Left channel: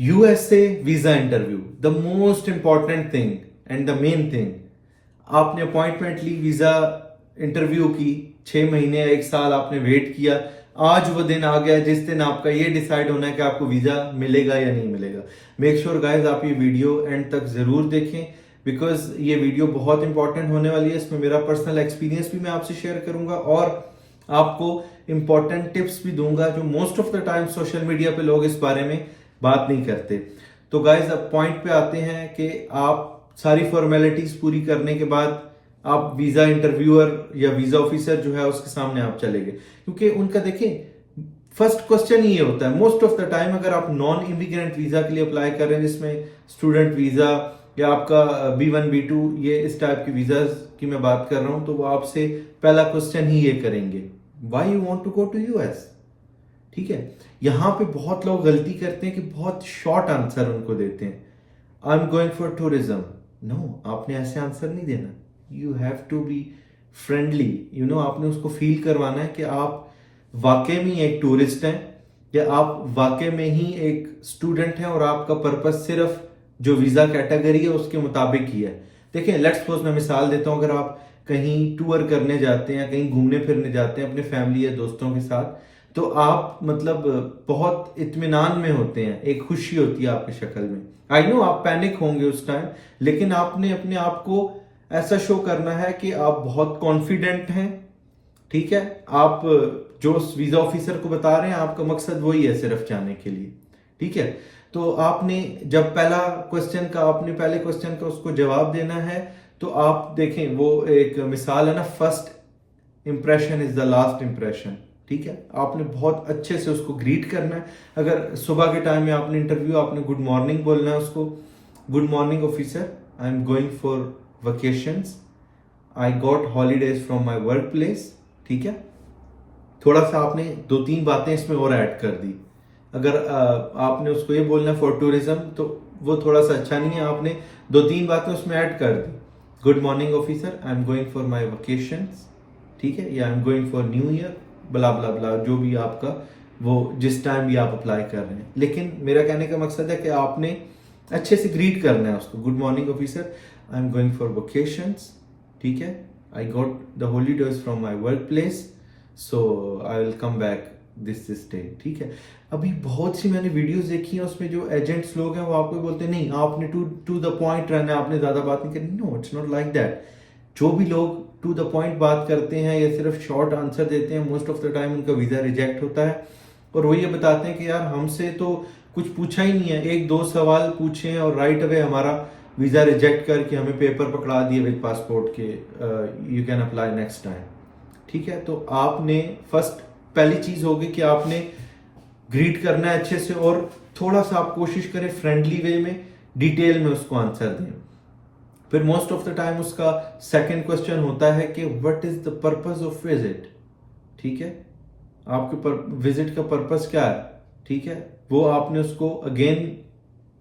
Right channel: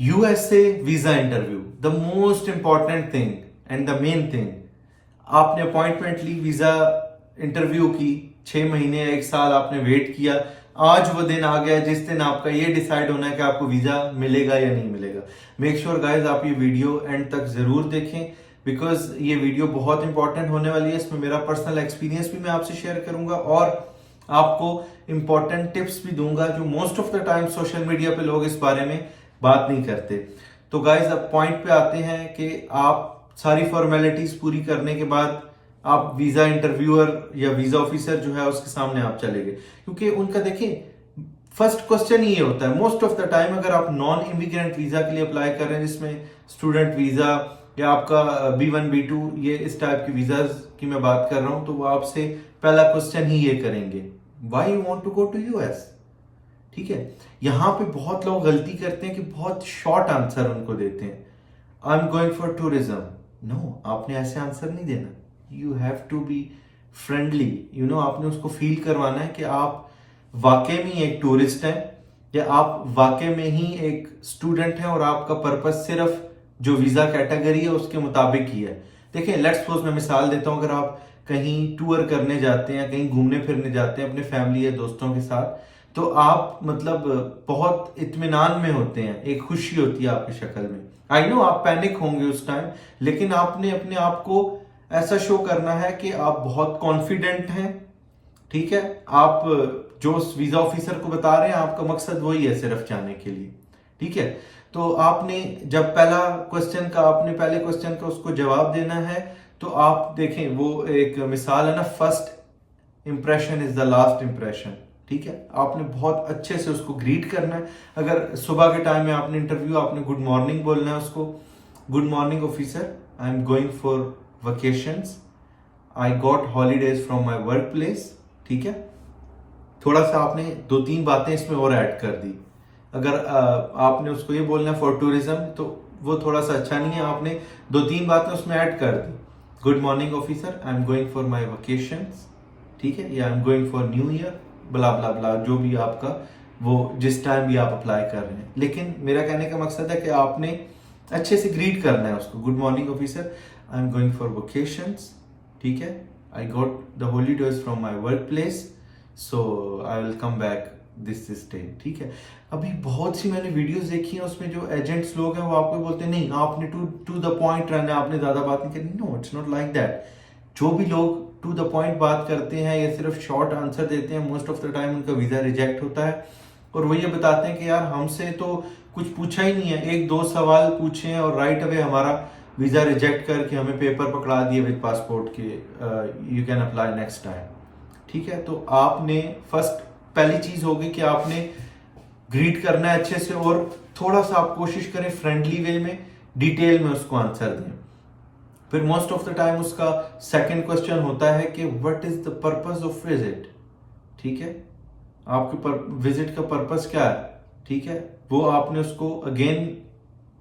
USA visa interview, the most important thing and the main thing. आपने appointment ली, visa interview की, 6 महीने 1 साल आपने वेट किया, आज वो दिन आ गया जिस दिन आपका ये डिसाइड होना है कि आपको वीजा मिलेगा या नहीं मिलेगा। मेक श्योर गाइज आप ये वीडियो एंड तक जरूर देखें, बिकॉज ये वीडियो बहुत इंपॉर्टेंट होने वाली है। इसमें मेरा पर्सनल एक्सपीरियंस भी मैं आपसे शेयर करूंगा और आपको इंपॉर्टेंट टिप्स भी दूंगा जो most of the time social media पे लोग इस बारे में बात नहीं करते। तो गाइज अब पॉइंट पे आते हैं कि आप सारी फॉर्मेलिटीज पूरी करने के बाद आप वीजा इंटरव्यूअर या वीजा ऑफिसर जो है उसके सामने आप चले गए, क्योंकि उनका देखिए फर्स्ट क्वेश्चन ही ये होता है मोस्ट ऑफ द टाइम। अगर आप नॉन इमिग्रेंट वीजा के लिए अप्लाई कर रहे हैं, जिसमें स्टूडेंट वीजा या आपका B1 B2 ये इस टाइप की वीजा की मैं बात कर रहा हूं, तो वो आपसे पहला क्वेश्चन ही ये करेंगे, why you want to go to US. ठीक है, यहां पे बहुत लोग गलती करते हैं कि बहुत शॉर्ट आंसर उनको देते हैं, I am going for tourism. No, आपने ऐसे आंसर नहीं देना, you have to be friendly, आपने उसको फील करवाना है कि आप वाकई में एक टूरिस्ट हैं या आप वाकई में ही एक स्टूडेंट हैं और आपका पर्पस सिर्फ जो वीजा कैटेगरी है उसके मुताबिक ही है। देखिए लेट्स सपोज मैं मिसाल देता हूं, अगर आप कहीं टूर करने जाते हैं, कहीं घूमने फिरने जाते हैं अपने फैमिली या दोस्तों के साथ, तो आप मतलब बहुत इत्मीनान में होते हैं, एक खुशी होती है आपकी शक्ल में। आई नो आप पैनिक होंगे उस टाइम, लेकिन आपने अपने आप को ऐसा शो करना है कि आप बहुत कॉन्फिडेंट हैं। ठीक है, आप जो वीजा ऑफिसर को बता रहे हैं आपका मकसद वही है सिर्फ जाने के लिए। ठीक है, तो आपने जब पहले क्वेश्चन का उसको जवाब देना है, तो आप देखें वो एक मिसाल है ना, first impression is the last impression. ठीक है, आपने बहुत अच्छे से उसको ग्रीट करना है। अगर सुबह के टाइम में आपने इंटरव्यू, आपने गुड मॉर्निंग बोलना है उसको, good morning officer, I am going for vacations, I got holidays from my work place. ठीक है, थोड़ा सा आपने 2-3 बातें इसमें और ऐड कर दी। अगर आपने उसको ये बोलना फॉर टूरिज्म तो वो थोड़ा सा अच्छा नहीं है, आपने 2-3 बातें उसमें ऐड कर दी, good morning officer, I am going for my vacations. ठीक है, या I am going for new year, blah blah blah, जो भी आपका वो जिस टाइम भी आप अप्लाई कर रहे हैं। लेकिन मेरा कहने का मकसद है कि आपने अच्छे से ग्रीट करना है उसको, good morning officer, I am going for vacations. ठीक है, I got the holidays from my work place, so I will come back this day. ठीक है, अभी बहुत सी मैंने वीडियोस देखी हैं, उसमें जो एजेंट्स लोग हैं वो आपको बोलते हैं नहीं आपने टू द पॉइंट रहना है, आपने ज्यादा बात नहीं करनी। No, it's not like that. जो भी लोग टू द पॉइंट बात करते हैं या सिर्फ शॉर्ट आंसर देते हैं, मोस्ट ऑफ द टाइम उनका वीजा रिजेक्ट होता है। और वो ये बताते हैं कि यार हमसे तो कुछ पूछा ही नहीं है, 1-2 सवाल पूछे हैं और राइट अवे हमारा वीजा रिजेक्ट करके हमें पेपर पकड़ा दिए विद पासपोर्ट के, you can apply next time. ठीक है, तो आपने पहली चीज होगी कि आपने ग्रीट करना है अच्छे से और थोड़ा सा आप कोशिश करें फ्रेंडली वे में, डिटेल में उसको आंसर दें। फिर मोस्ट ऑफ द टाइम उसका सेकंड क्वेश्चन होता है कि what is the purpose of visit. ठीक है, आपके विजिट का पर्पस क्या है। ठीक है, वो आपने उसको अगेन,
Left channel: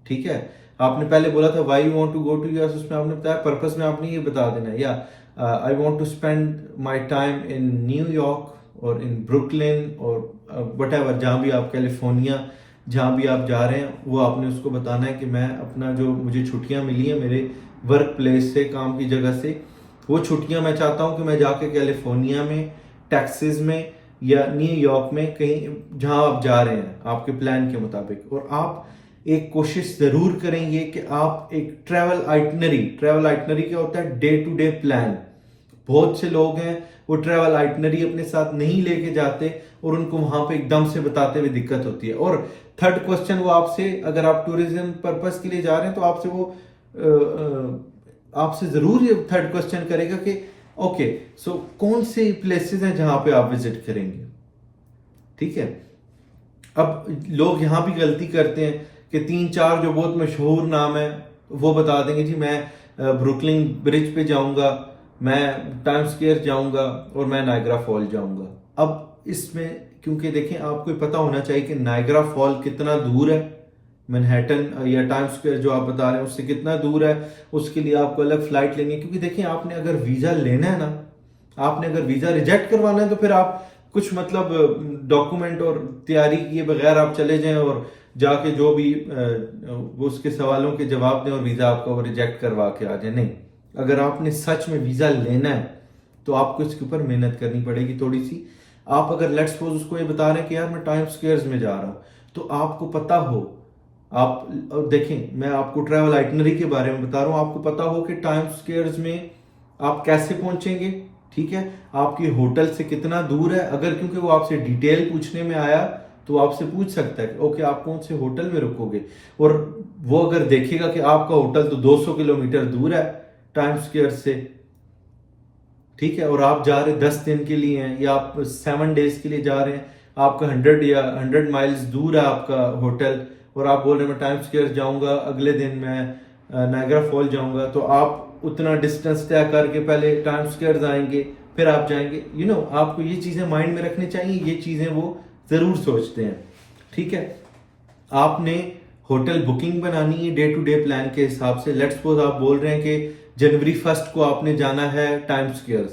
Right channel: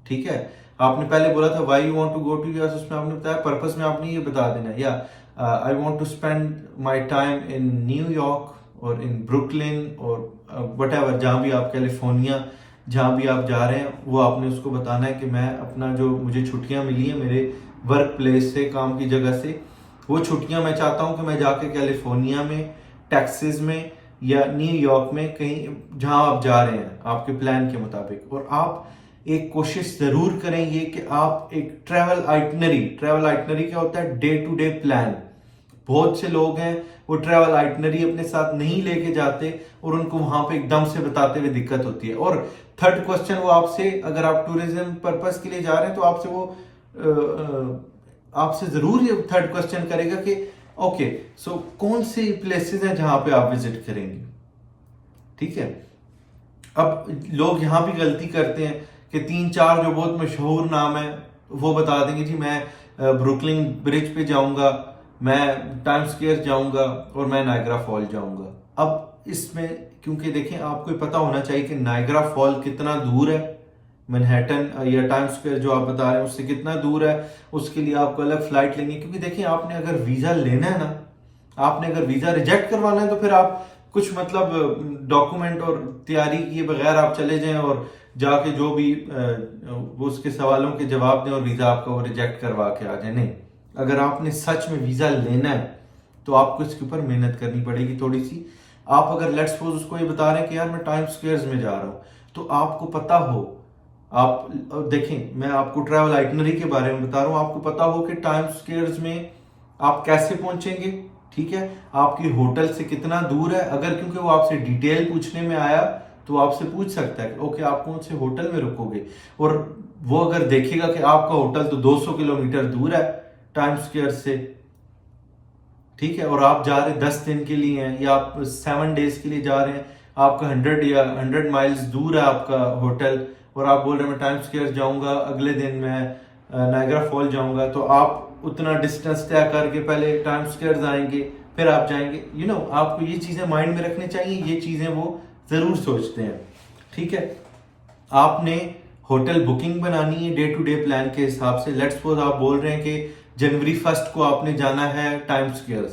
ठीक है, आपने पहले बोला था why you want to go to US, उसमें आपने बताया पर्पस में आपने ये बता देना, या I want to spend my time in न्यूयॉर्क और इन ब्रुकलिन और व्हाटएवर, जहां भी आप, कैलिफोर्निया, जहां भी आप जा रहे हैं, वो आपने उसको बताना है कि मैं अपना जो मुझे छुट्टियां मिली है मेरे वर्क प्लेस से, काम की जगह से, वो छुट्टियां मैं चाहता हूं कि मैं जाके कैलिफोर्निया में, टेक्सास में या न्यूयॉर्क में, कहीं जहां आप जा रहे हैं आपके प्लान के मुताबिक। और आप एक कोशिश जरूर करेंगे कि आप एक ट्रैवल आइटनरी क्या होता है, डे टू डे प्लान। बहुत से लोग हैं वो ट्रैवल आइटनरी अपने साथ नहीं लेके जाते और उनको वहां पे एकदम से बताते हुए दिक्कत होती है। और थर्ड क्वेश्चन वो आपसे, अगर आप टूरिज्म पर्पस के लिए जा रहे हैं तो आपसे वो आपसे जरूर ये थर्ड क्वेश्चन करेगा कि ओके सो कौन से प्लेसेस हैं जहां पे आप विजिट करेंगे। ठीक है, अब लोग यहां भी गलती करते हैं कि 3-4 जो बहुत मशहूर नाम है वो बता देंगे, जी मैं ब्रुकलिन ब्रिज पे जाऊंगा, मैं टाइम स्क्वायर जाऊंगा और मैं नायग्रा फॉल जाऊंगा। अब इसमें क्योंकि देखें आपको पता होना चाहिए कि नायग्रा फॉल कितना दूर है, मैनहट्टन या टाइम स्क्वायर जो आप बता रहे हैं उससे कितना दूर है, उसके लिए आपको अलग फ्लाइट लेंगे। क्योंकि देखिए आपने अगर वीजा लेना है ना, आपने अगर वीजा रिजेक्ट करवाना है तो फिर आप कुछ मतलब डॉक्यूमेंट और तैयारी किए बगैर आप चले जाएं और जाके जो भी वो उसके सवालों के जवाब दें और वीजा आपका वो रिजेक्ट करवा के आ जाए। नहीं, अगर आपने सच में वीजा लेना है तो आपको इसके ऊपर मेहनत करनी पड़ेगी थोड़ी सी। आप अगर लेट्स सपोज उसको ये बता रहे हैं कि यार मैं टाइम्स स्क्वेयर में जा रहा हूं, तो आपको पता हो, आप देखें मैं आपको ट्रैवल आइटनरी के बारे में बता रहा हूं, आपको पता हो कि टाइम्स स्क्वेयर में आप कैसे पहुंचेंगे, ठीक है, आपकी होटल से कितना दूर है। अगर क्योंकि वो आपसे डिटेल पूछने में आया तो आपसे पूछ सकता है कि ओके आप कौन से होटल में रुकोगे, और वो अगर देखेगा कि आपका होटल तो 200 किलोमीटर दूर है टाइम्स स्क्वेयर से, ठीक है, और आप जा रहे 10 दिन के लिए हैं या आप 7 डेज के लिए जा रहे हैं, आपका 100 या 100 माइल्स दूर है आपका होटल, और आप बोल रहे हैं मैं टाइम्स स्क्वेयर जाऊंगा, अगले दिन मैं नायग्रा फॉल जाऊंगा, तो आप उतना डिस्टेंस तय करके पहले टाइम्स स्क्वेयर आएंगे फिर आप जाएंगे। आपको ये चीजें माइंड में रखनी चाहिए, ये चीजें वो जरूर सोचते हैं, ठीक है। आपने होटल बुकिंग बनानी है डे टू डे प्लान के हिसाब से। लेट्स सपोज आप बोल रहे हैं कि जनवरी 1 को आपने जाना है टाइम्स स्क्वेयर,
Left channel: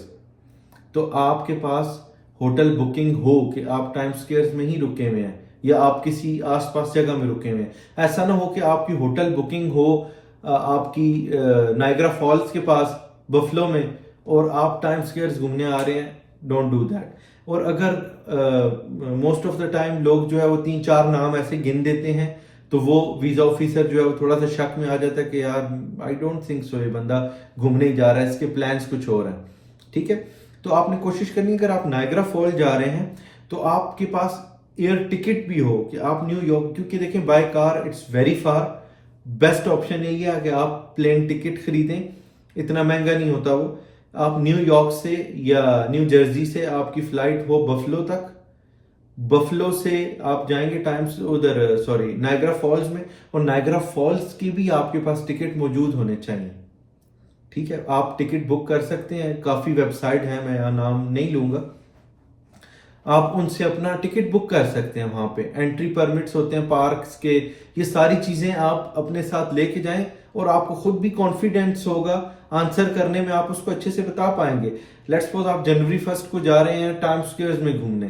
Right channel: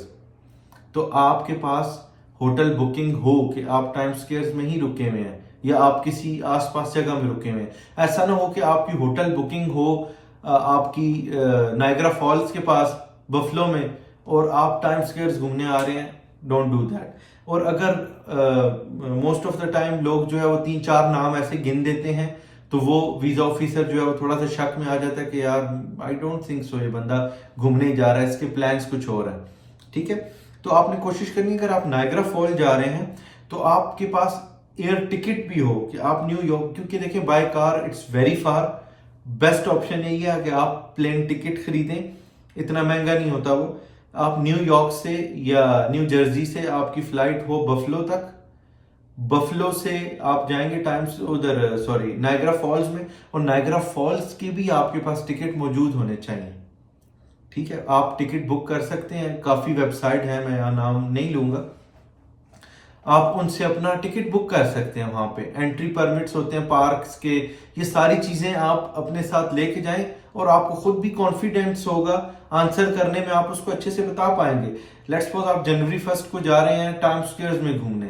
तो आपके पास होटल बुकिंग हो कि आप टाइम्स स्क्वेयर में ही रुके हुए हैं या आप किसी आसपास जगह में रुके हुए हैं। ऐसा ना हो कि आपकी होटल बुकिंग हो आपकी नायग्रा फॉल्स के पास बफलो में और आप टाइम्स स्क्वेयर घूमने आ रहे हैं। Don't do that. और अगर मोस्ट ऑफ द टाइम लोग जो है वो 3-4 नाम ऐसे गिन देते हैं, तो वो वीजा ऑफिसर जो है वो थोड़ा सा शक में आ जाता है कि यार आई डोंट थिंक सो ये बंदा घूमने ही जा रहा है, इसके प्लान्स कुछ और हैं, ठीक है। तो आपने कोशिश करनी है अगर आप नायग्रा फॉल जा रहे हैं तो आपके पास एयर टिकट भी हो कि आप न्यूयॉर्क, क्योंकि देखें by car it's very far, best option यही है कि आप प्लेन टिकट खरीदें, इतना महंगा नहीं होता वो। आप न्यूयॉर्क से या न्यू जर्सी से आपकी फ्लाइट हो बफलो तक, बफलो से आप जाएंगे टाइम्स उधर सॉरी नायग्रा फॉल्स में, और नायग्रा फॉल्स की भी आपके पास टिकट मौजूद होने चाहिए, ठीक है। आप टिकट बुक कर सकते हैं, काफी वेबसाइट है, मैं नाम नहीं लूंगा, आप उनसे अपना टिकट बुक कर सकते हैं। वहां पे एंट्री परमिट्स होते हैं पार्क्स के, ये सारी चीजें आप अपने साथ लेके जाएं और आपको खुद भी कॉन्फिडेंस होगा आंसर करने में, आप उसको अच्छे से बता पाएंगे। लेट्स सपोज आप जनवरी 1 को जा रहे हैं टाइम्स स्क्वेयर में घूमने,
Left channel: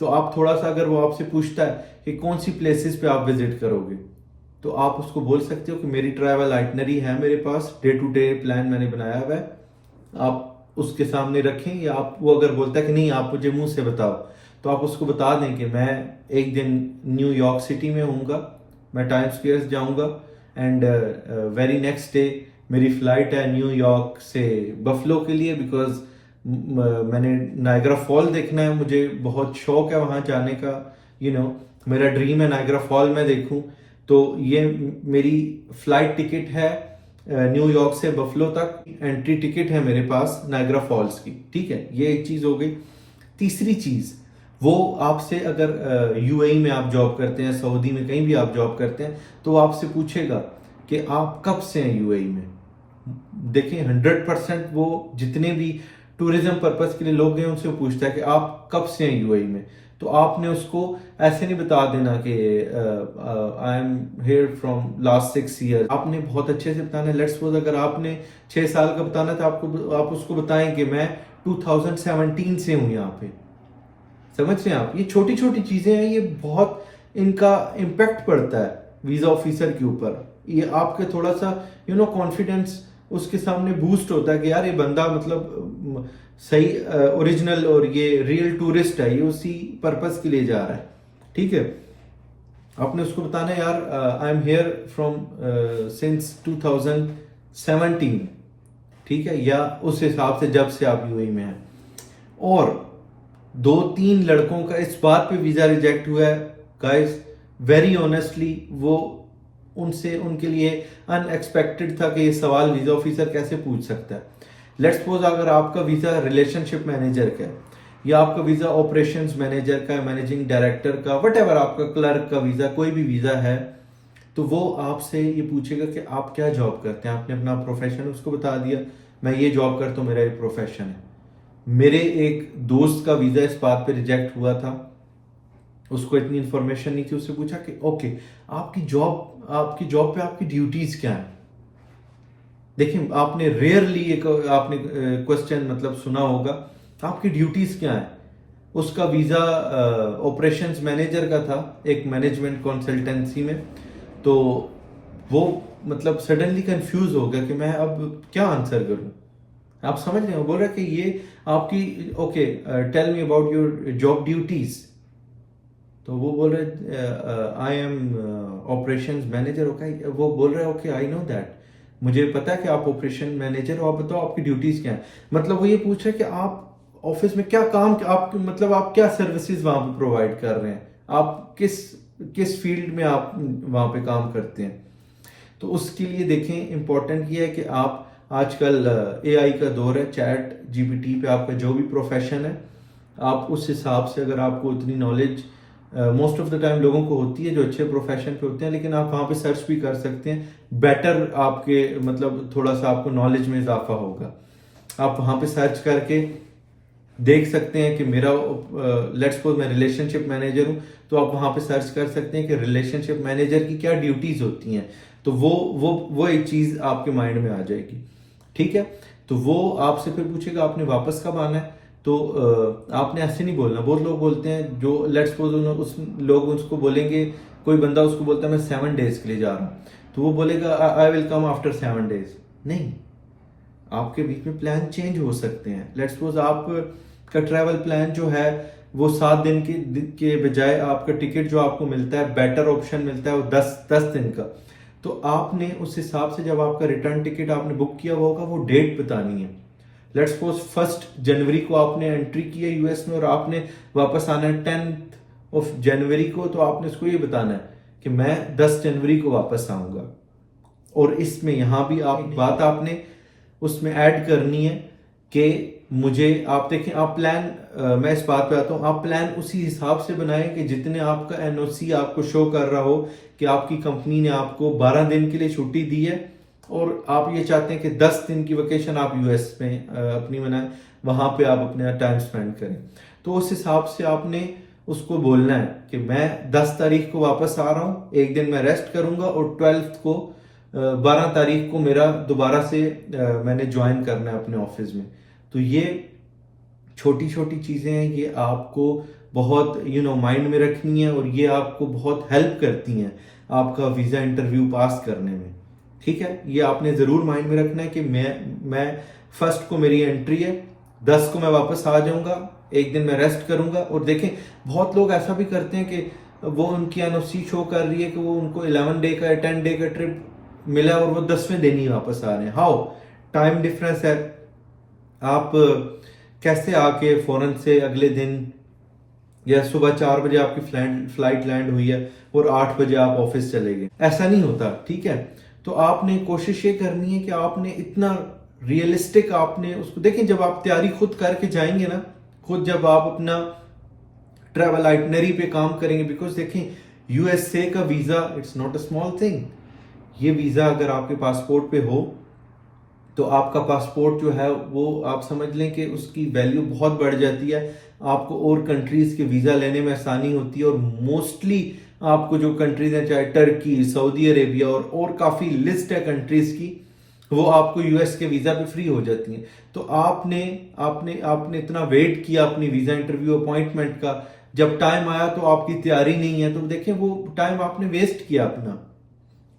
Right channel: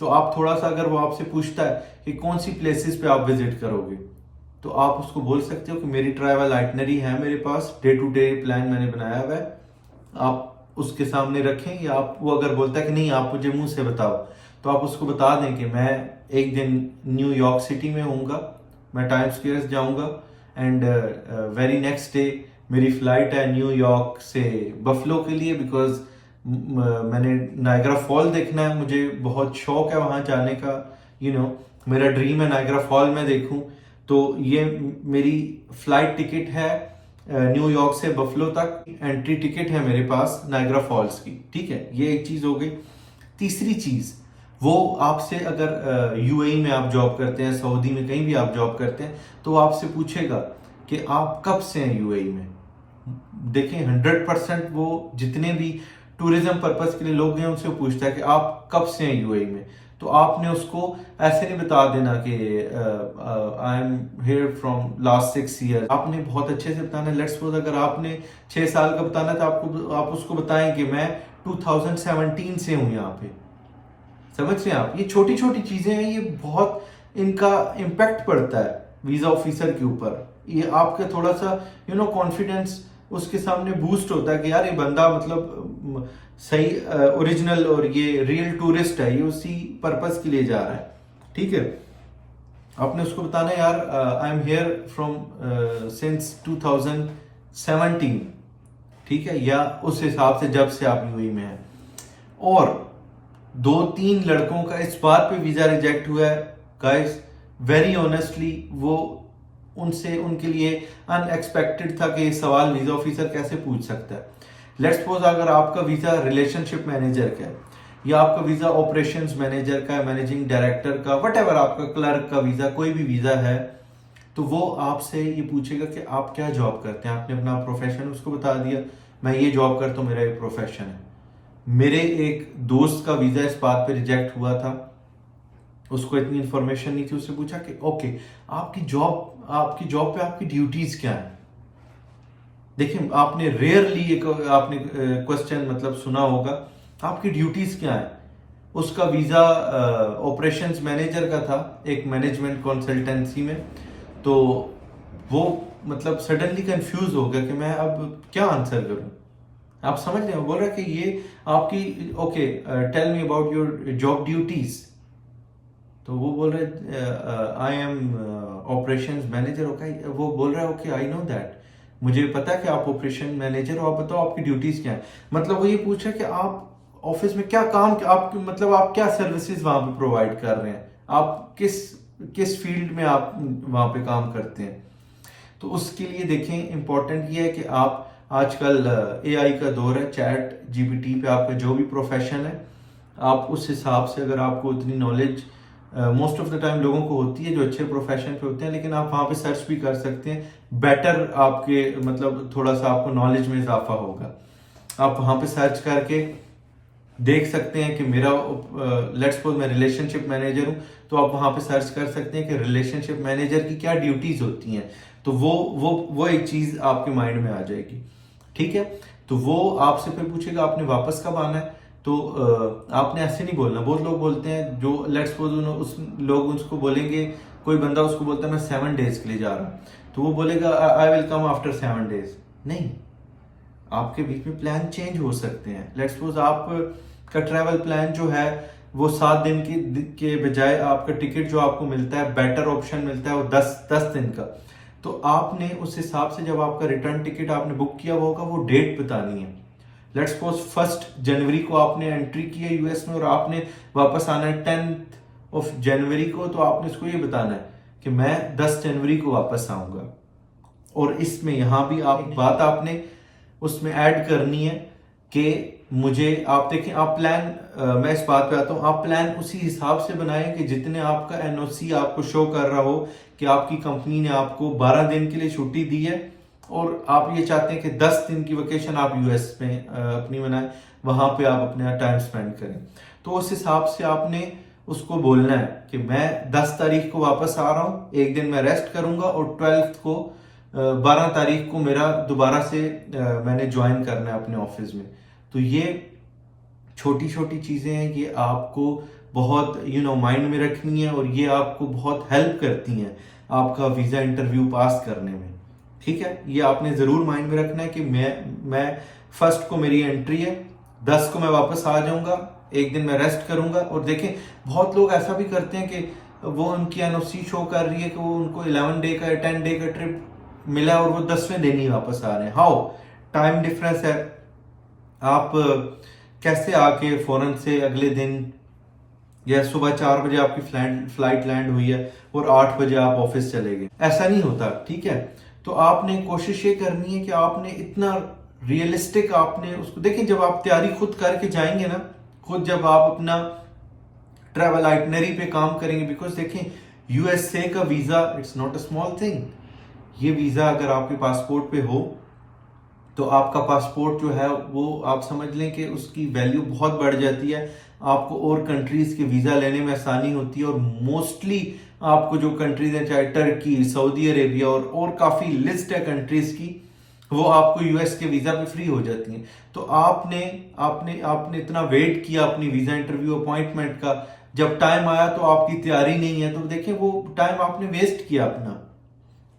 तो आप थोड़ा सा अगर वो आपसे पूछता है कि कौन सी प्लेसेस पे आप विजिट करोगे, तो आप उसको बोल सकते हो कि मेरी ट्रैवल आइटनरी है मेरे पास, डे टू डे प्लान मैंने बनाया हुआ है, आप उसके सामने रखें। या आप वो अगर बोलता है कि नहीं आप मुझे मुंह से बताओ, तो आप उसको बता दें कि मैं एक दिन न्यूयॉर्क सिटी में हूँगा, मैं टाइम्स स्क्वेयर जाऊँगा एंड वेरी नेक्स्ट डे मेरी फ्लाइट है न्यूयॉर्क से बफलो के लिए, बिकॉज मैंने नायग्रा फॉल देखना है, मुझे बहुत शौक है वहां जाने का, मेरा ड्रीम है नायग्रा फॉल मैं देखूं, तो ये मेरी फ्लाइट टिकट है न्यूयॉर्क से बफलो तक, एंट्री टिकट है मेरे पास नायग्रा फॉल्स की, ठीक है। ये एक चीज हो गई। तीसरी चीज, वो आपसे अगर यूएई में आप जॉब करते हैं, सऊदी में कहीं भी आप जॉब करते हैं, तो आपसे पूछेगा कि आप कब से हैं यूएई में। देखिए 100% वो जितने भी टूरिज्म पर्पस के लिए लोग हैं उनसे पूछता है कि आप कब से हैं यूएई में, तो आपने उसको ऐसे नहीं बता देना कि I am here from last 6 year, आपने बहुत अच्छे से बताना है। लेट्स सपोज अगर आपने 6 साल का बताना था, आप उसको बताएं कि मैं 2017 से हूं यहाँ पे। समझ रहे हैं आप, ये छोटी छोटी चीजें हैं, ये बहुत इनका इम्पैक्ट पड़ता है वीजा ऑफिसर के ऊपर। ये आपके थोड़ा सा कॉन्फिडेंस उसके सामने बूस्ट होता है कि यार ये बंदा मतलब सही ओरिजिनल और ये रियल टूरिस्ट है, ये उसी पर्पस के लिए जा रहा है, ठीक है। आपने उसको बताना है यार I am here from since 2017, ठीक है, या उस हिसाब से जब से आप यूएई में हैं। और 2-3 लड़कों का इस बात पे वीजा रिजेक्ट हुआ है गाइस, वेरी ऑनेस्टली, वो उनसे उनके लिए अनएक्सपेक्टेड था कि ये सवाल वीजा ऑफिसर कैसे पूछ सकता है। लेट्स सपोज अगर आपका वीजा रिलेशनशिप मैनेजर का है या आपका वीजा ऑपरेशंस मैनेजर का, मैनेजिंग डायरेक्टर का, वटेवर आपका क्लर्क का वीजा, कोई भी वीजा है, तो वो आपसे ये पूछेगा कि आप क्या जॉब करते हैं। आपने अपना प्रोफेशन उसको बता दिया, मैं ये जॉब करता हूँ, मेरा ये प्रोफेशन है। मेरे एक दोस्त का वीजा इस बात पे रिजेक्ट हुआ था, उसको इतनी इंफॉर्मेशन नहीं थी, उससे पूछा कि ओके आपकी जॉब पे आपकी ड्यूटीज क्या है। देखिए आपने रेयरली एक आपने क्वेश्चन मतलब सुना होगा, आपकी ड्यूटीज क्या है। उसका वीज़ा ऑपरेशंस मैनेजर का था एक मैनेजमेंट कंसल्टेंसी में। तो वो मतलब सडनली कंफ्यूज हो गया कि मैं अब क्या आंसर करूं। आप समझ रहे हो, बोल रहे कि ये आपकी okay, tell me about your job duties. तो वो बोल रहे I am operations manager. Okay, वो बोल रहा है ओके आई नो दैट, मुझे पता है कि आप ऑपरेशन मैनेजर हो, आप बताओ आपकी ड्यूटीज क्या है। मतलब वो ये पूछ रहा है कि आप ऑफिस में क्या काम, आप मतलब आप क्या सर्विसेज वहां पे प्रोवाइड कर रहे हैं, आप किस किस फील्ड में आप वहां पे काम करते हैं। तो उसके लिए देखें इंपॉर्टेंट ये है कि आप आजकल एआई का दौर है, चैट जीपीटी पे आपका जो भी प्रोफेशन है आप उस हिसाब से, अगर आपको उतनी knowledge most of the time लोगों को होती है जो अच्छे प्रोफेशन पे होते हैं, लेकिन आप वहां पे सर्च भी कर सकते हैं, बेटर आपके मतलब थोड़ा सा आपको नॉलेज में इजाफा होगा। आप वहां पे सर्च करके देख सकते हैं कि मेरा लेट्स सपोज मैं रिलेशनशिप मैनेजर हूं, तो आप वहां पे सर्च कर सकते हैं कि रिलेशनशिप मैनेजर की क्या ड्यूटीज होती हैं। तो वो एक चीज आपके माइंड में आ जाएगी। ठीक है, तो वो आपसे फिर पूछेगा आपने वापस कब आना है। तो आपने ऐसे नहीं बोलना। बहुत लोग बोलते हैं जो लेट्स सपोज उस लोग उसको बोलेंगे, कोई बंदा उसको बोलता है मैं 7 डेज के लिए जा रहा हूं, तो वो बोलेगा I will come after 7 days. नहीं, आपके बीच में प्लान चेंज हो सकते हैं। लेट्स सपोज आप का ट्रैवल प्लान जो है वो 7 दिन के बजाय आपका टिकट जो आपको मिलता है, बेटर ऑप्शन मिलता है वो 10 दिन का। तो आपने उस हिसाब से जब आपका रिटर्न टिकट आपने बुक किया हुआ होगा, वो डेट बतानी है। लेट्स सपोज 1 जनवरी को आपने एंट्री की है यूएस में और आपने वापस आना है 10 जनवरी को, तो आपने उसको ये बताना है कि मैं 10 जनवरी को वापस आऊंगा। और इसमें यहां भी आप बात आपने उसमें ऐड करनी है कि मुझे आप देखें, आप प्लान मैं इस बात पे आता हूं, आप प्लान उसी हिसाब से बनाएं कि जितने आपका एनओसी आपको शो कर रहा हो कि आपकी कंपनी ने आपको 12 दिन के लिए छुट्टी दी है और आप ये चाहते हैं कि 10 दिन की वेकेशन आप यूएस में अपनी मनाएं, वहां पे आप अपना टाइम स्पेंड करें। तो उस हिसाब से आपने उसको बोलना है कि मैं 10 तारीख को वापस आ रहा हूं, एक दिन मैं रेस्ट करूंगा और 12 को 12 तारीख को मेरा दोबारा से मैंने ज्वाइन करना है अपने ऑफिस में। तो ये छोटी छोटी चीजें हैं, ये आपको बहुत माइंड में रखनी है और ये आपको बहुत हेल्प करती हैं आपका वीजा इंटरव्यू पास करने में। ठीक है, ये आपने जरूर माइंड में रखना है कि मैं 1 को मेरी एंट्री है, 10 को मैं वापस आ जाऊंगा, एक दिन मैं रेस्ट करूंगा। और देखें बहुत लोग ऐसा भी करते हैं कि वो उनकी एनओसी शो कर रही है कि वो उनको 11 डे का 10 डे का ट्रिप मिला और वो 10वें दिन ही वापस आ रहे हैं। हाउ, टाइम डिफरेंस है। आप कैसे आके फौरन से अगले दिन या सुबह 4 बजे आपकी फ्लाइट लैंड हुई है और 8 बजे आप ऑफिस चले गए, ऐसा नहीं होता। ठीक है, तो आपने कोशिश ये करनी है कि आपने इतना रियलिस्टिक आपने उसको देखें। जब आप तैयारी खुद करके जाएंगे ना, खुद जब आप अपना ट्रैवल आइटनरी पे काम करेंगे, बिकॉज देखें यूएसए का visa it's not a small thing. ये वीजा अगर आपके पासपोर्ट पे हो तो आपका पासपोर्ट जो है वो आप समझ लें कि उसकी वैल्यू बहुत बढ़ जाती है। आपको और कंट्रीज के वीजा लेने में आसानी होती है और मोस्टली आपको जो कंट्रीज हैं, चाहे टर्की, सऊदी अरेबिया और काफी लिस्ट है कंट्रीज की, वो आपको यूएस के वीजा पे फ्री हो जाती हैं। तो आपने आपने आपने इतना वेट किया अपनी वीजा इंटरव्यू अपॉइंटमेंट का, जब टाइम आया तो आपकी तैयारी नहीं है, तो देखिए वो टाइम आपने वेस्ट किया अपना।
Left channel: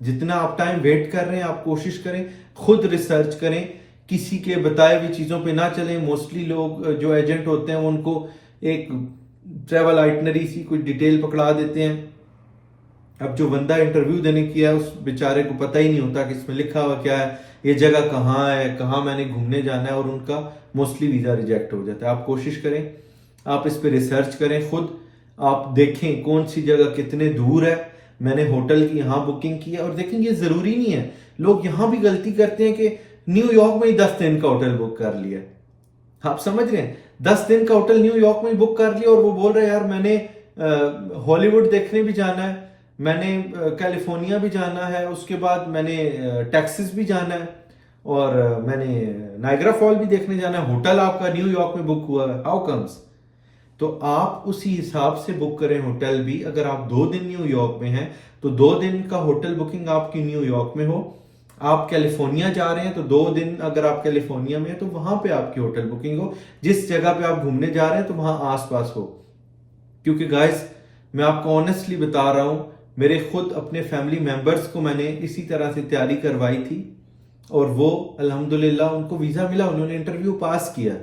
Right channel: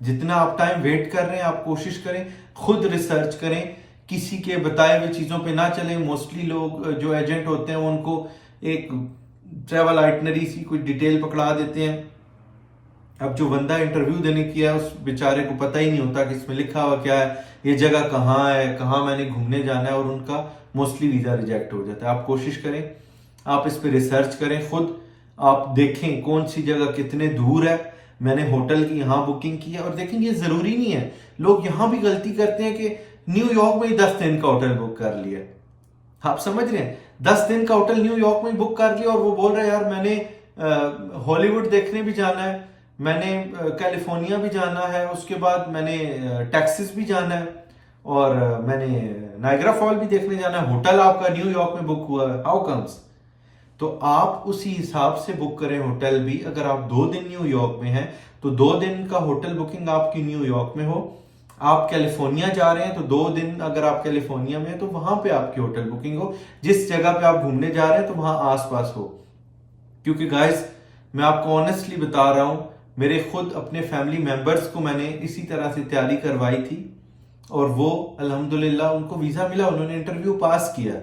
जितना आप टाइम वेट कर रहे हैं, आप कोशिश करें खुद रिसर्च करें, किसी के बताए हुए चीजों पे ना चलें। मोस्टली लोग जो एजेंट होते हैं उनको एक ट्रैवल आइटनरी सी कुछ डिटेल पकड़ा देते हैं। अब जो बंदा इंटरव्यू देने किया है उस बेचारे को पता ही नहीं होता कि इसमें लिखा हुआ क्या है, ये जगह कहाँ है, कहाँ मैंने घूमने जाना है, और उनका मोस्टली वीजा रिजेक्ट हो जाता है। आप कोशिश करें, आप इस पे रिसर्च करें खुद, आप देखें कौन सी जगह कितने दूर है। मैंने होटल की यहाँ बुकिंग की है, और देखें ये जरूरी नहीं है, लोग यहां भी गलती करते हैं कि न्यूयॉर्क में ही 10 दिन का होटल बुक कर लिया। आप समझ रहे हैं, 10 दिन का होटल न्यूयॉर्क में बुक कर लिया और वो बोल रहे हैं यार मैंने हॉलीवुड देखने भी जाना है, मैंने कैलिफोर्निया भी जाना है, उसके बाद मैंने टेक्सास भी जाना है, और मैंने नाइग्रा फॉल भी देखने जाना है। होटल आपका न्यूयॉर्क में बुक हुआ है, हाउ कम्स? तो आप उसी हिसाब से बुक करें होटल भी। अगर आप 2 दिन न्यूयॉर्क में हैं तो 2 दिन का होटल बुकिंग आपकी न्यूयॉर्क में हो। आप कैलिफोर्निया जा रहे हैं तो 2 दिन अगर आप कैलिफोर्निया में हैं तो वहां पे आपकी होटल बुकिंग हो, जिस जगह पे आप घूमने जा रहे हैं तो वहां आसपास हो। क्योंकि गाइस मैं आपको ऑनेस्टली बता रहा हूं, मेरे खुद अपने फैमिली मेंबर्स को मैंने इसी तरह से तैयारी करवाई थी और वो अल्हम्दुलिल्लाह उनको वीजा मिला, उन्होंने इंटरव्यू पास किया।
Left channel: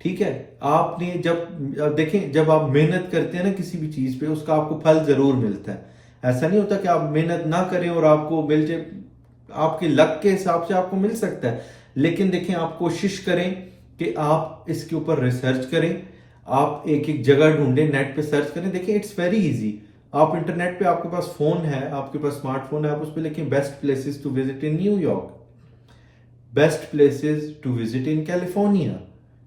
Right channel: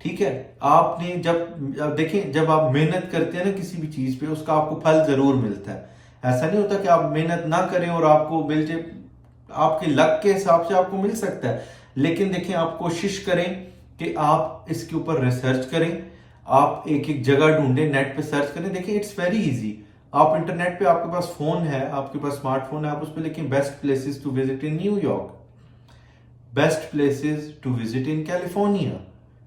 ठीक है, आपने जब देखें, जब आप मेहनत करते हैं ना किसी भी चीज पे, उसका आपको फल जरूर मिलता है। ऐसा नहीं होता कि आप मेहनत ना करें और आपको मिल जाए, आपके लक के हिसाब से आपको मिल सकता है। लेकिन देखें, आप कोशिश करें कि आप इसके ऊपर रिसर्च करें, आप एक एक जगह ढूंढें, नेट पे सर्च करें। देखिए इट्स वेरी इजी, आप इंटरनेट पे, आपके पास फोन है, आपके पास स्मार्टफोन है, आप उस पर लिखें best places to visit in New York, best places to visit in California,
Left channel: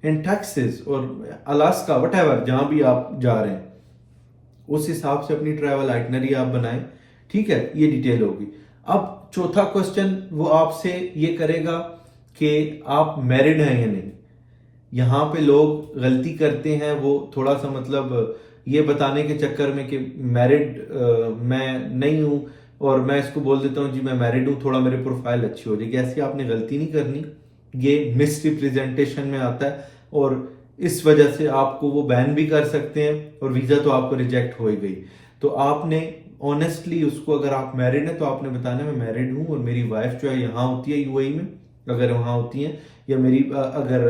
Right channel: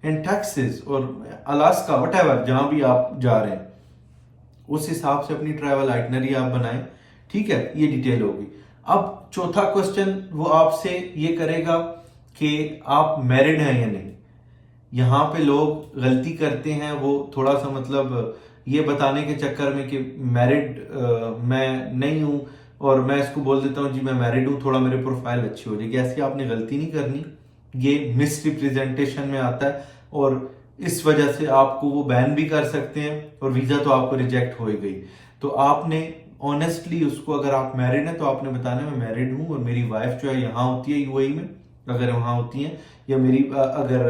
in Texas और अलास्का, वटएवर, जहां भी आप जा रहे हैं उस हिसाब से अपनी ट्रैवल आइटनरी आप बनाएं। ठीक है, ये डिटेल होगी। अब चौथा क्वेश्चन वो आपसे ये करेगा कि आप मैरिड हैं या नहीं। यहां पे लोग गलती करते हैं, वो थोड़ा सा मतलब ये बताने के चक्कर में कि मैरिड मैं नहीं हूं और मैं इसको बोल देता हूं जी मैं मैरिड हूं, थोड़ा मेरे प्रोफाइल अच्छी हो जाएगी। ऐसी आपने गलती नहीं करनी, ये मिस रिप्रेजेंटेशन में आता है और इस वजह से आपको वो बैन भी कर सकते हैं और वीजा तो आपको रिजेक्ट हो ही गई। तो आपने ऑनेस्टली उसको, अगर आप मैरिड हैं तो आपने बताना मैं मैरिड हूं और मेरी वाइफ जो है यहाँ होती है यूएई में, अगर वहां होती है, या मेरी अगर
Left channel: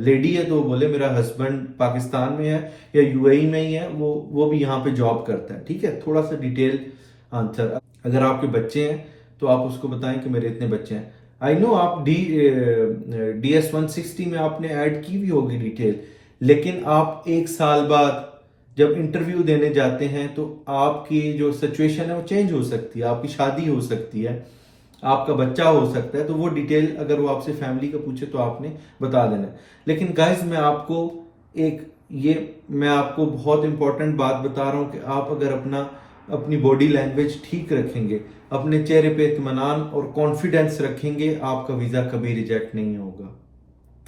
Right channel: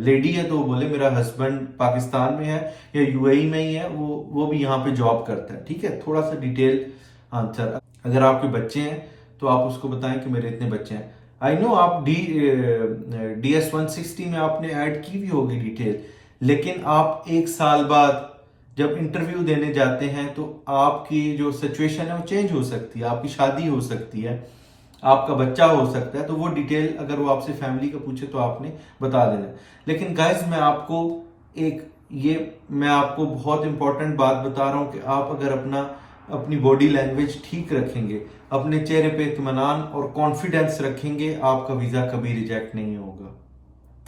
लेडी है तो वो बोले मेरा हस्बैंड पाकिस्तान में है या यूएई में ही है, वो भी यहाँ पे जॉब करता है। ठीक है, थोड़ा सा डिटेल आंसर। अगर आपके बच्चे हैं तो आप उसको बताएं कि मेरे इतने बच्चे हैं। आई नो आप DS 160 में आपने ऐड की भी होगी डिटेल, लेकिन आप 1 साल बाद जब इंटरव्यू देने जाते हैं तो आपकी जो सिचुएशन है वो चेंज हो सकती है, आपकी शादी हो सकती है, आपका बच्चा हो सकता है, तो वो डिटेल अगर वो आपसे फैमिली का पूछे तो आपने बता देना। लेकिन गाइज मैं आपको बहुत इंपॉर्टेंट बात बता रहा हूं कि आप अगर अपनी बॉडी लैंग्वेज ठीक रखेंगे, अपने चेहरे पे इत्मीनान और कॉन्फिडेंस रखेंगे, आपका वीजा कभी रिजेक्ट नहीं होगा।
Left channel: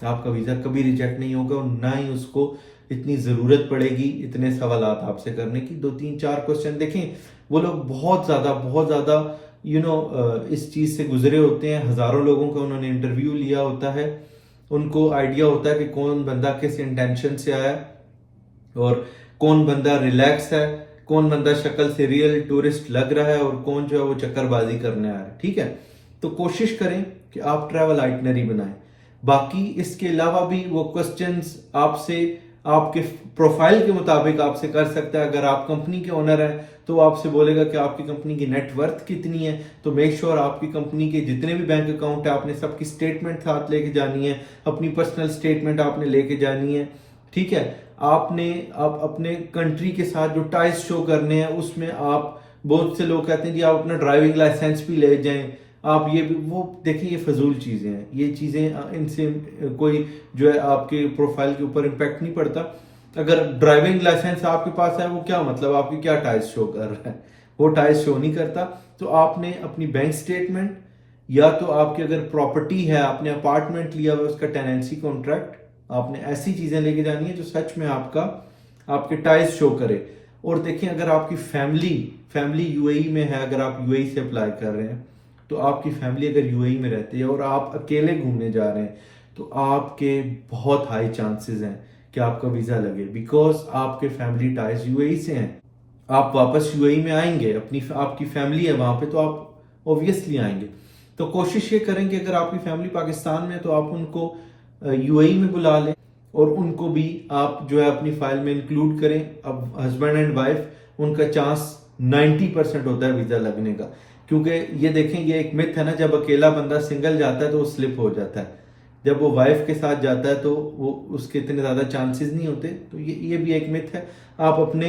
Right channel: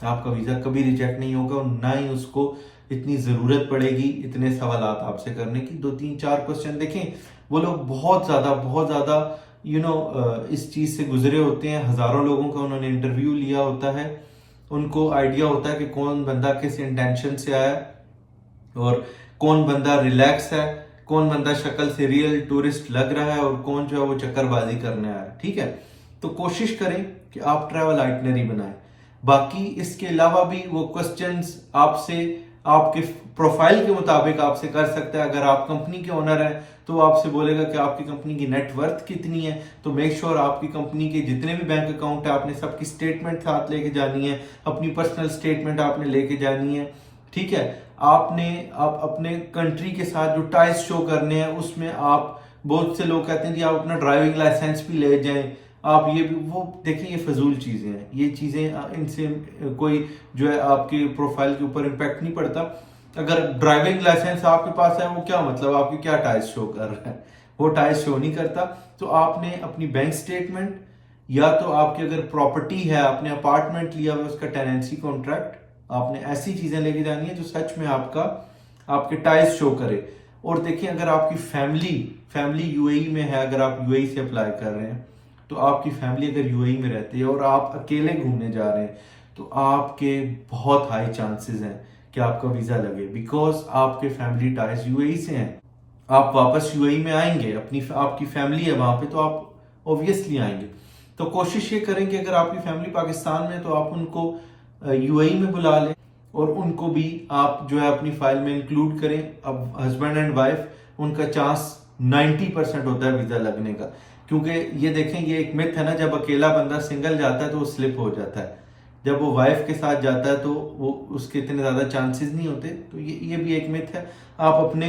आपका वीजा कभी रिजेक्ट नहीं होगा और ना ही उसको इतनी जरूरत पड़ेगी इतने सवाल आपसे करने की। 2-3-4 क्वेश्चन देखें, वो लोग बहुत ज्यादा इस चीज से गुजरे होते हैं, हजारों लोगों का उन्होंने इंटरव्यू लिया होता है, उनको आइडिया होता है कि कौन बंदा किस इंटेंशन से आया और कौन बंदा रिलैक्स है, कौन बंदा शक्ल से रियल टूरिस्ट लग रहा है और कौन जो है वो चक्करबाजी करने आया है। ठीक है, तो कोशिश करें कि आप ट्रैवल आइटनरी बनाएं। बाकी इसके अलावा भी वो क्वेश्चंस आपसे आपके प्रोफाइल के मुताबिक आपसे कर सकता है। अगर आप कंपनी के ओनर हैं तो आपसे बोलेगा कि आपकी कंपनी की नेटवर्थ कितनी है, तो मेक श्योर आपकी कंपनी के जितने भी बैंक अकाउंट है आपने सबकी स्टेटमेंट साथ लेके जानी है, अपनी पर्सनल स्टेटमेंट आपने लेके जानी है। ठीक है, आप अपने कंट्री के साथ जो टाइज शो करने हैं उसमें आप, बहुत से लोग कहते हैं जी आप अपना ड्राइविंग लाइसेंस भी ले जाएं, आप ये भी, वो देखिए ये फजूल चीजें हैं, ये चीजें इनसे कोई जो है आपके प्रोफाइल के ऊपर इम्पैक्ट नहीं पड़ता। अगर ड्राइविंग लाइसेंस आपके पास है वो क्या मतलब आपकी क्या टाइज शो कर रहा है, वो टाइज शो नहीं करता। तो आपने अपनी बैंक स्टेटमेंट या तो आपकी अगर प्रॉपर्टी है, आपने अपार्टमेंट लिया हुआ उसका टेनेंसी कॉन्ट्रैक्ट, आपने ऐसी चीजें लेके जानी है जो सच में आपके टाइज शो करे। और देखिए अगर आपकी फैमिली यूएई में है, अगर आप यूएई से अप्लाई कर रहे हैं तो आपकी फैमिली अगर यूएई में रहती है और आप अकेले घूमने जा रहे हैं तो आपके बहुत हाई चांसेस हैं कि आपका वीजा लगे, बिकॉज आपके फैमिली टाइज यूएई से हैं। आप वापस यूएई में आएंगे, आपकी फैमिली है वहां पे तो आप ऑब्वियसली आएंगे। तो कोशिश ये करें कि अगर आपकी फैमिली पाकिस्तान में तो आप उनको यूएई में बुला लें और उनको भी आप जो है अपनी फाइल में इंक्लूड करें। अब हस्बैंड एंड वाइफ, उनका चांस 90% होता है वीजा लगने का, क्योंकि ये देखें ये एक मिथ है ना, जब अकेला बंदा सिंगल जाता है तो वो स्लिप हो जाता है, जब वो वाइफ के साथ जाता है तो वो उसके इतने ज्यादा चांसेस नहीं होते। तो ये भी एक मिथ है। आप अपने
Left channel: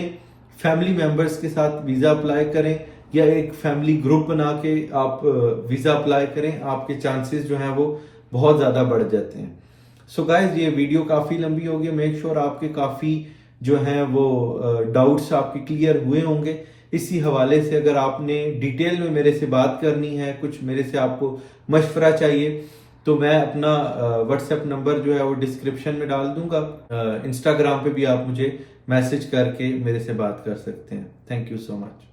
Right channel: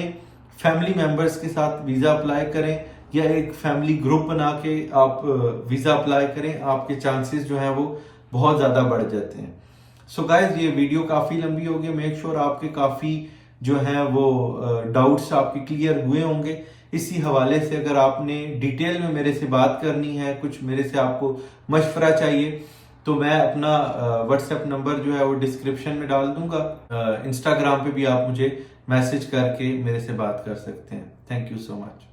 फैमिली मेंबर्स के साथ वीजा अप्लाई करें या एक फैमिली ग्रुप बना के आप वीजा अप्लाई करें, आपके चांसेस जो हैं वो बहुत ज्यादा बढ़ जाते हैं। सो गाइस ये वीडियो काफी लंबी होगी, मेक श्योर आपके काफी जो है वो डाउट्स आपके क्लियर हुए होंगे। इसी हवाले से अगर आपने डिटेल में मेरे से बात करनी है, कुछ मेरे से आपको मशवरा चाहिए, तो मैं अपना व्हाट्सएप नंबर जो है वो डिस्क्रिप्शन में डाल दूंगा। इंस्टाग्राम पे भी आप मुझे मैसेज करके मेरे से बात कर सकते हैं। Thank you so much.